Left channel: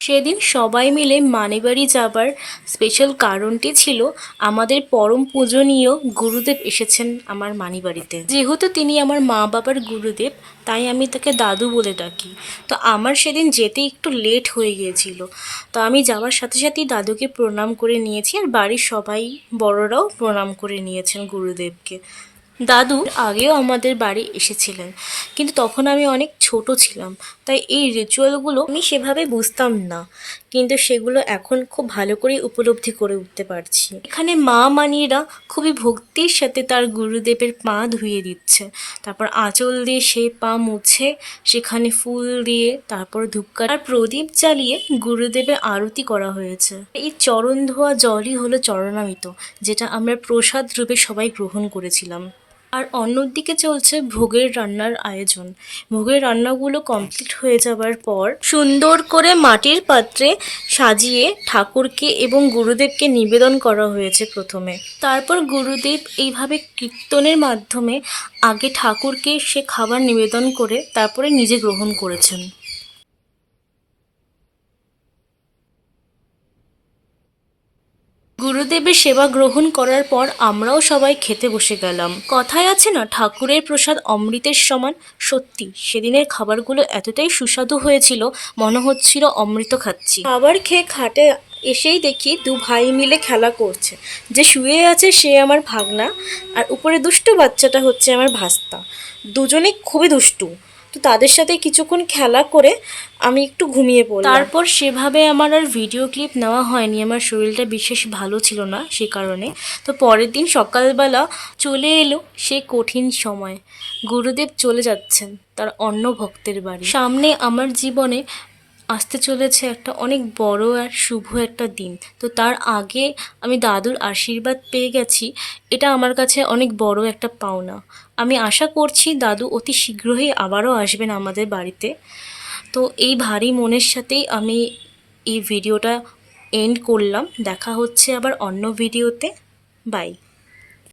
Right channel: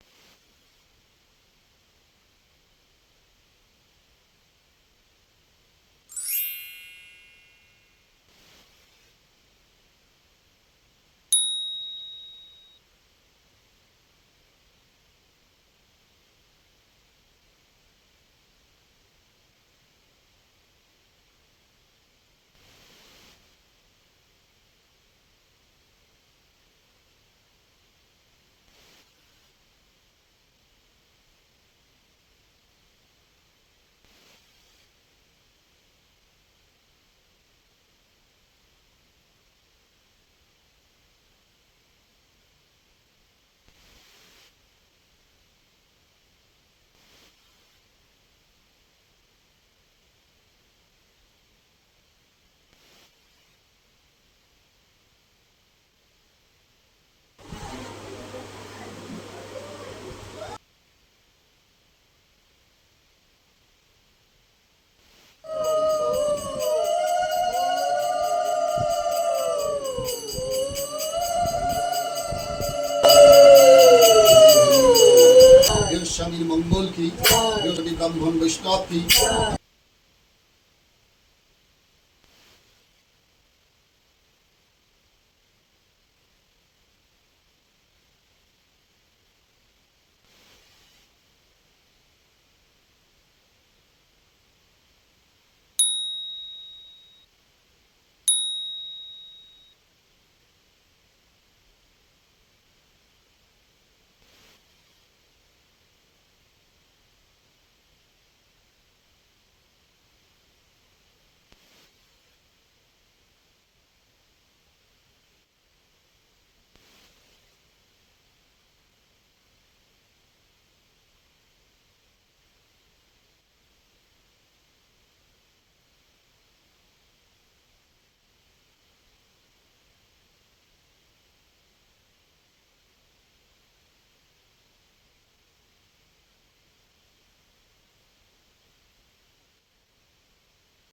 সেদিন সবাই মিলে মানেবাড়ি যাবার স্পেশাল কারণটি ছিল আমাদের পরম পূজনীয় গুরুদেব এসেছেন আমার মানিবাড়িতে। যেহেতু তিনি আমার মা বাবার গুরুদেব, তাই আমি তাকে দাদু বলে ডাকি। তো আমার সেদিন যেতে একটু লেট হয়ে গিয়েছিল, তো আমি যাওয়ার সাথে সাথেই দাদুকে প্রণাম করে নিয়েছি, আর বাড়ির সবাই বড়রাও প্রণাম করে নিয়েছেন গুরুদেবকে। দাদু আগেও আমাদের বাড়ি এসেছিলেন, কিন্তু তখন আমি অনেক ছোট ছিলাম, তাই এই রিচুয়ালগুলো আমি সেভাবে বুঝতাম না, কিন্তু সেগুলো এখন খুব ভালো করে উপলব্ধি করে উঠতে পারছি। এখানে মা মানিরা খুবই ভক্তির সাথে তার গুরুদেবের পা ধুয়ে দিচ্ছে, তারপর আঁচল দিয়ে সেই পা মুছে সেখানে ফুল দিয়ে তারপর ধূপকাঠি আর প্রদীপ জ্বালিয়ে গুরুদেবের আরতি করা হয়েছে। এই চরণ ধোয়া জলই হলো চরণামৃত, যেটা আমরা প্রসাদ রূপে সবাই গ্রহণ করেছিলাম। আর অন্যদিকে চলছে ভোগের রান্নার আয়োজন। ভোগের রান্নাগুলো কমপ্লিট হয়ে যাবার পর সুন্দর করে মাটির পাত্রে সাজিয়ে ঠাকুরকে এবং গুরুদেবকে নিবেদন করা হয়েছে প্রথমে। তারপর গুরুদেব এইভাবে কীর্তনের মাধ্যমে আগে ঠাকুরকে সে খাবার নিবেদন করে তারপরে নিজে গ্রহণ করেছেন। গুরুদেবের সেবা গ্রহণ করার পর আমরাও সবাই খেতে বসে গেলাম। কথায় আছে না, ঠাকুরের প্রসাদ অমৃতের সমান। সত্যি সেদিনের খাবারগুলো এতটাই সুস্বাদু হয়েছিল, মনে হচ্ছিল অমৃত খাচ্ছি। খাবার খেয়ে খাটে এসেই দেখি দু ভাই মিলে খেলা করছে। যে শুয়ে আছে সে আমার ভাগনা, আর উপরে দুষ্টু বাচ্চাটা হচ্ছে আমার ভাস্তা। দুজনেই খুবই দুষ্টু। তো তাদের সাথে কিছুক্ষণ খেলা করে আমি একটু ঘুমিয়ে পড়লাম। তারপর সেভাবে আমার আর ভিডিও ক্লিপ নেওয়া হয়নি, আমার শরীরটা বিশেষ ভালো ছিল না সে কারণে। তো পরের দিন সকালবেলা চলে এলো সে কঠিন সময়। গুরুদেব চলে যাচ্ছেন তার অন্য ভক্তের বাড়ি। সামনে আমার জীবনে আসতে চলেছে একটা অনেক বড় আর শুভ একটা দিন। তো তার আগে আমি দাদুর আশীর্বাদ পেয়ে গেছি, এটা আমার কাছে অনেক বড় একটা পাওনা। আমি আশা করছি দাদু অতি শীঘ্রই আবারও আসবেন আমাদের বাড়িতে। তো এই ভারী মনের সাথেই আমি এই ভিডিওটা এন্ড করলাম। দেখা হচ্ছে আবার অন্য ভিডিওতে। বাই।